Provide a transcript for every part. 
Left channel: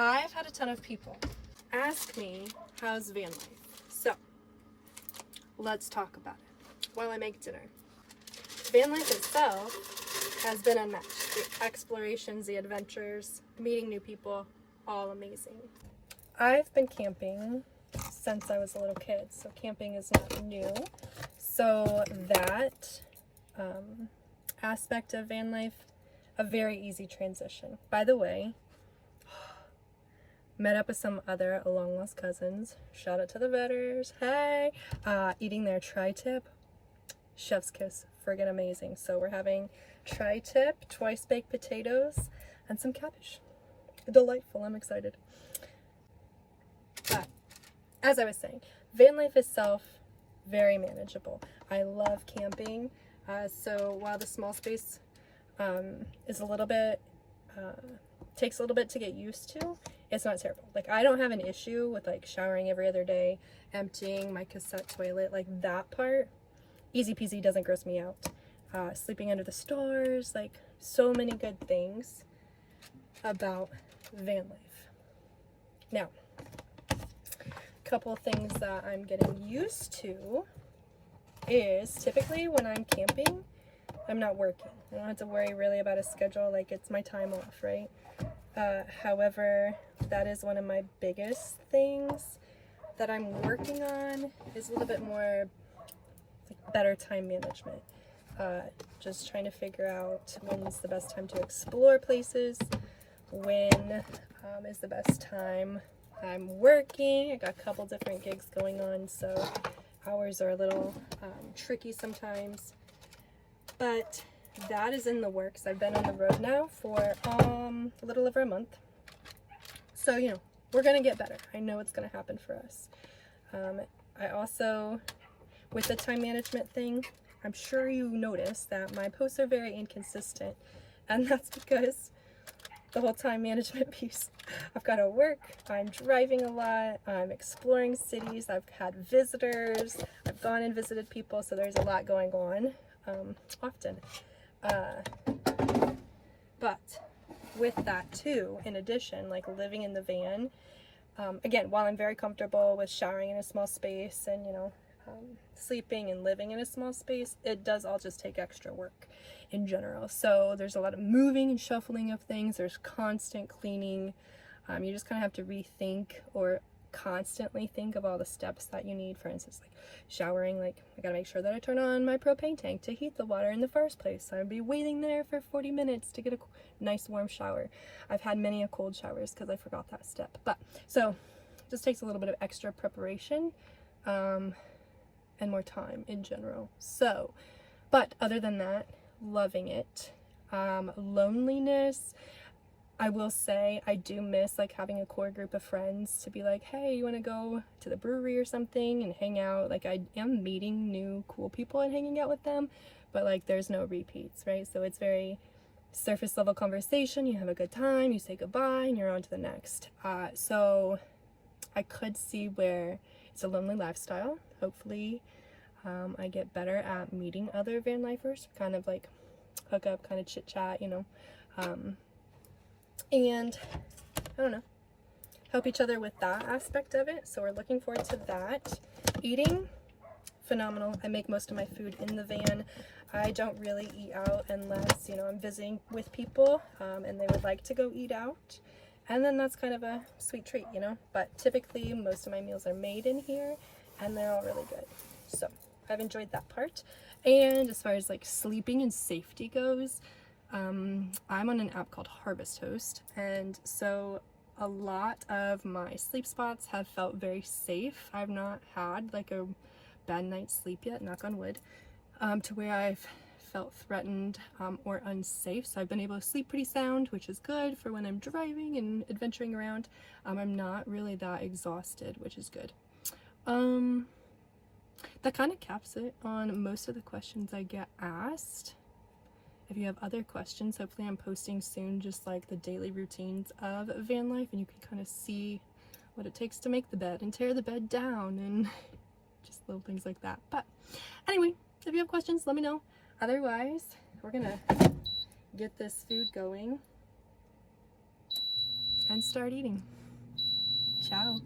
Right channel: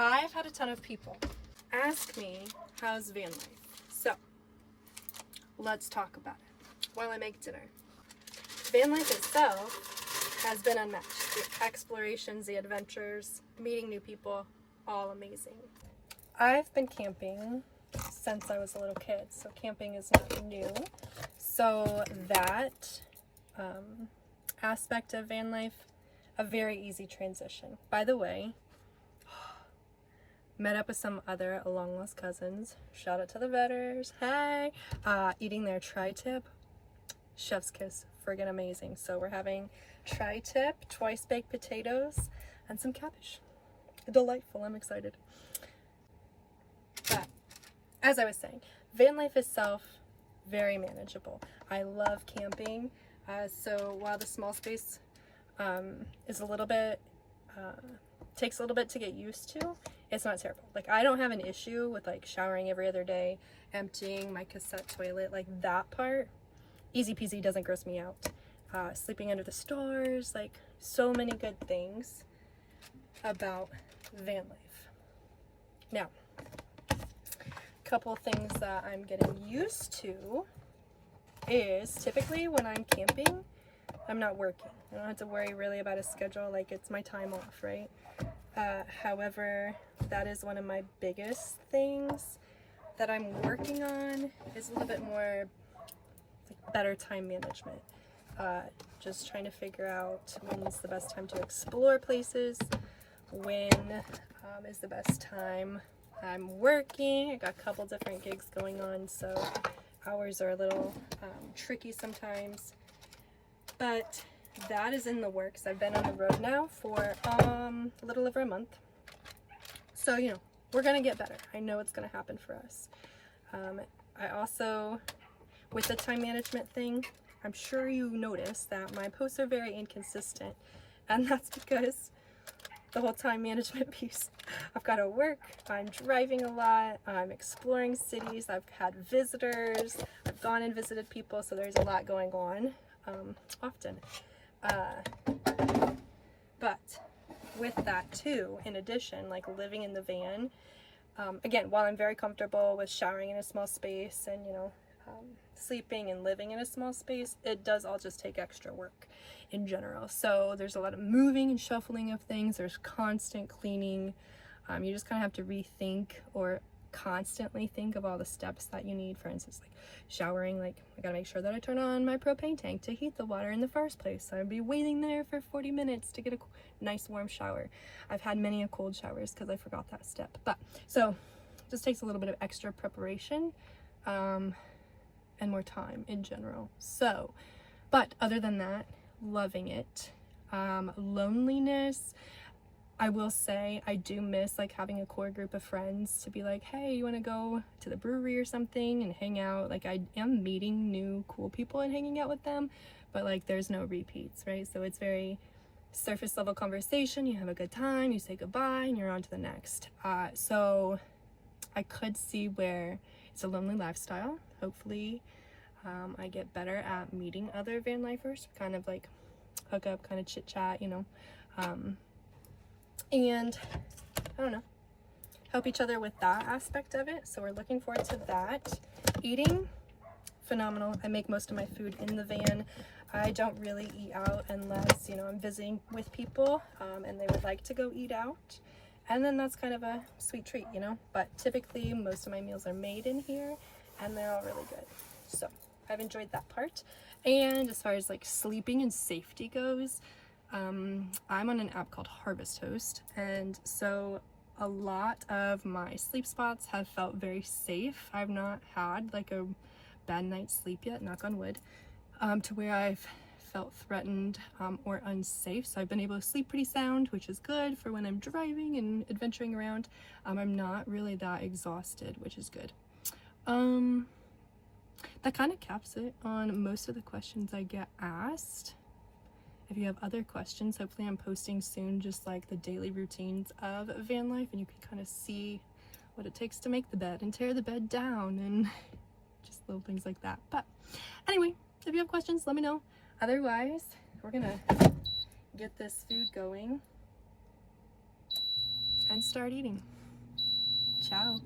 I've had a ton of people ask me, how's van life? So let's talk about it while I make dinner. Van life itself has been unmatched. The explorations, the adventures, meeting new people, all amazing. I've been camping since I was a little kid, so camping is not new. So that aspect of van life, a very easy transition. By the way, met up with some other long lost cousins. Shout out to the Vetters. Hey! Eating their tri-tip. Chef's kiss. Friggin' amazing. So we're having tri-tip, twice baked potatoes, and some cabbage. Delightful. I'm excited. But as I was saying, van life itself, very manageable. I love camping. So while the small space is a little bit, takes a little bit to get used to, it's not terrible. Like, I don't have an issue with like showering every other day, emptying my cassette toilet, like that part, easy peasy, doesn't gross me out. Sleeping under the stars, like so many good things about van life. Now, a couple of things that I'm getting used to is typically when I'm camping, I'm not working. I don't have to worry really about a schedule, like it's my time off, right? However, that is one of my biggest things that I'm working on, is a little bit more like better time management. Just trying to figure out when's the best time to explore places, when is the best time I'm working. I got a couple different gigs going on, so hours are a little tricky sometimes, but that is in the works. I've been on the road now for a little over a month, so you know, we're gonna get better. I know it's gonna happen for us. I also, with the time management thing, I'm sure you noticed that my posts are very inconsistent, and that's because the whole time management piece. I've got to work, I'm driving a lot, I'm exploring cities, I've had visitors, I've gone and visited people, so there's a lot going on often. But with that too, in addition, like living in the van, again, while I'm very comfortable with showering in a small space and, you know, sleeping and living in a small space, it does all just take extra work in general. So there's a lot of moving and shuffling of things, there's constant cleaning. You just kind of have to rethink or constantly think of all the steps that you need. For instance, like showering, like I gotta make sure that I turn on my propane tank to heat the water in the first place. I'd be waiting there for 40 minutes to get a nice warm shower. I've had many a cold showers because I forgot that step. But so it just takes a little bit of extra preparation and more time in general. So, but other than that, loving it. Loneliness, I will say I do miss like having a core group of friends to be like, hey, you want to go to the brewery or something and hang out? Like, I am meeting new cool people and hanging out with them, but like there's no repeats, right? So it's very surface level conversation. You have a good time, you say goodbye, and you're on to the next. So I could see where it's a lonely lifestyle. Hopefully I get better at meeting other van lifers, kind of like hook up, kind of chit chat, you know, and I don't know, help each other with that aspect of it. So we're looking forward to that. Eating, phenomenal. I make most of my food in the van. I don't really eat out unless, you know, I'm visiting with people and they would like to go eat out, and then that's kind of a sweet treat, you know. But typically most of my meals are made in here and they're all really good, so I've enjoyed that part. And as far as like sleeping and safety goes, I'm on an app called Harvest Host, and so a lot of my sleep spots have felt very safe. I've not had like a bad night's sleep yet, knock on wood, to where I've felt threatened or unsafe. So I've been able to sleep pretty sound, which is good for when I'm driving and adventuring around. I'm not really that exhausted, which is good. That kind of caps it on most of the questions I get asked. If you have other questions, hopefully I'm posting soon just like the daily routines of van life, and you can kind of see what it takes to make the bed and tear the bed down and just little things like that. But anyway, if you have questions, let me know. Otherwise, we're gonna get this food going and start eating. Ciao.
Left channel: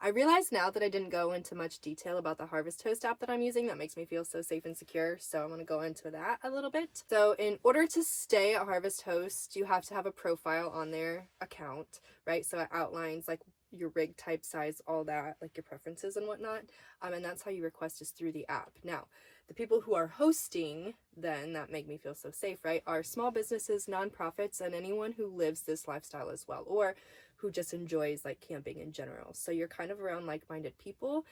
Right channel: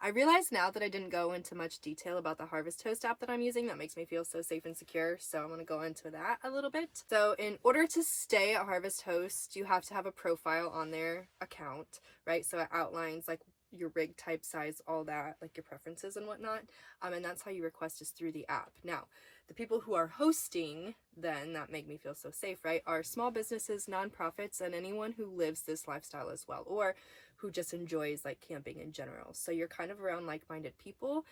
I realize now that I didn't go into much detail about the Harvest Host app that I'm using. That makes me feel so safe and secure. So I'm going to go into that a little bit. So in order to stay at Harvest Host, you have to have a profile on their account, right? So it outlines like your rig type, size, all that, like your preferences and whatnot. And that's how you request is through the app. Now, the people who are hosting then that make me feel so safe, right, are small businesses, nonprofits, and anyone who lives this lifestyle as well, or who just enjoys like camping in general. So you're kind of around like-minded people.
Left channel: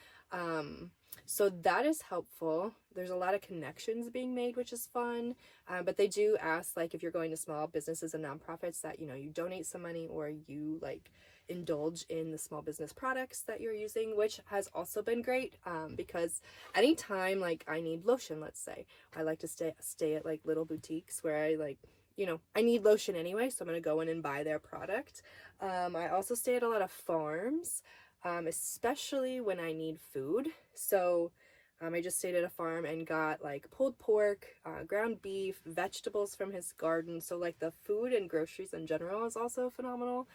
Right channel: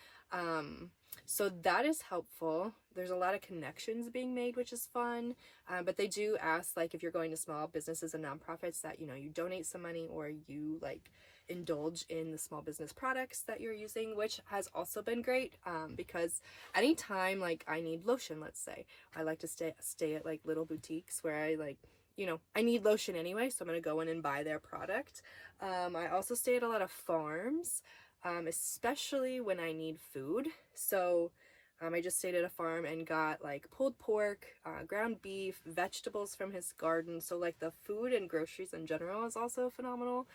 So that is helpful. There's a lot of connections being made, which is fun. But they do ask, like, if you're going to small businesses and nonprofits, that, you know, you donate some money or you like indulge in the small business products that you're using, which has also been great, because anytime like I need lotion, let's say, I like to stay at like little boutiques where I like, you know, I need lotion anyway, so I'm gonna go in and buy their product. I also stay at a lot of farms, especially when I need food. So I just stayed at a farm and got like pulled pork, ground beef, vegetables from his garden. So like the food and groceries in general is also a phenomenal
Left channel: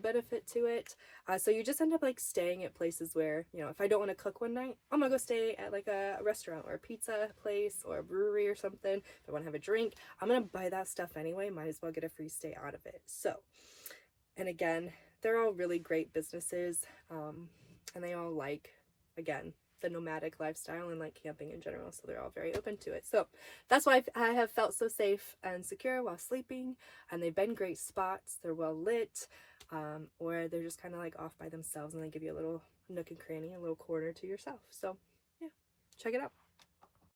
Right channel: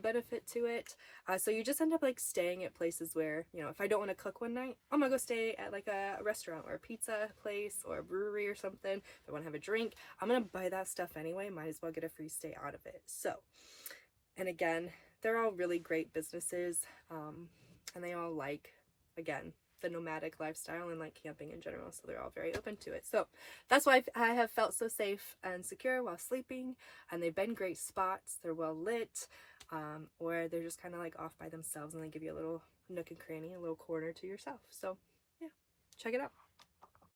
benefit to it. So you just end up like staying at places where, you know, if I don't want to cook one night, I'm gonna go stay at like a restaurant or a pizza place or a brewery or something. If I want to have a drink, I'm gonna buy that stuff anyway. Might as well get a free stay out of it. So, and again, they're all really great businesses, and they all like, again, the nomadic lifestyle and like camping in general, so they're all very open to it. So that's why I have felt so safe and secure while sleeping, and they've been great spots. They're well lit, or they're just kind of like off by themselves and they give you a little nook and cranny, a little corner to yourself. So yeah, check it out.